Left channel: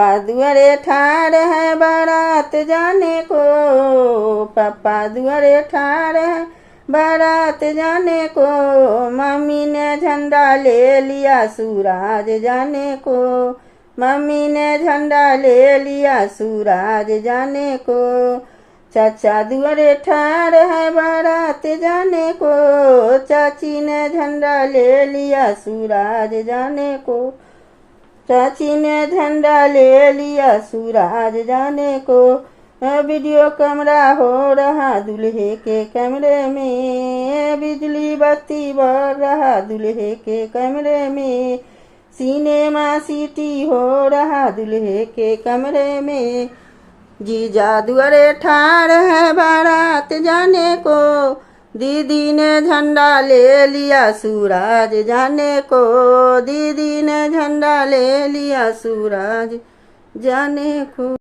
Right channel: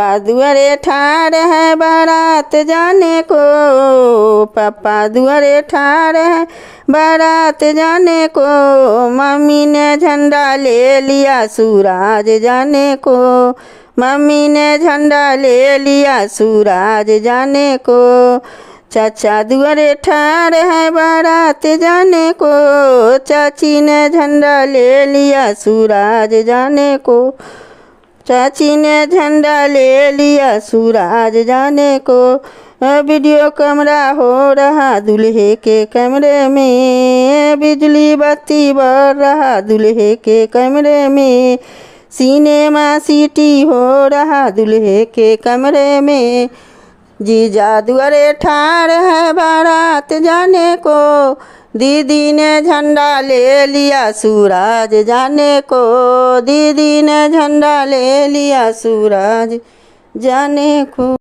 पापा दुआरे ठाड़ है बारात जाने को, पापा दुआरे ठाड़ है बारात जाने को, मम्मी ने झंडा ले लिया सूरज जाने को, मम्मी ने झंडा ले लिया सूरज जाने को, चाचा दुआरे ठाड़ है बारात जाने को, चाची ने झंडा ले लिया सूरज जाने को, चाची ने झंडा ले लिया सूरज जाने को। वीडियो कैमरा हो रहा दूल्हे के कमरे में, बिजली बत्ती बढ़ रहा दूल्हे के कमरे में, सिनेमा सिटी हो रहा दूल्हे के कमरे में, जीजा दुआरे ठाड़ है बारात जाने को, दीदी ने झंडा ले लिया सूरज जाने को, दीदी ने झंडा ले लिया सूरज जाने को।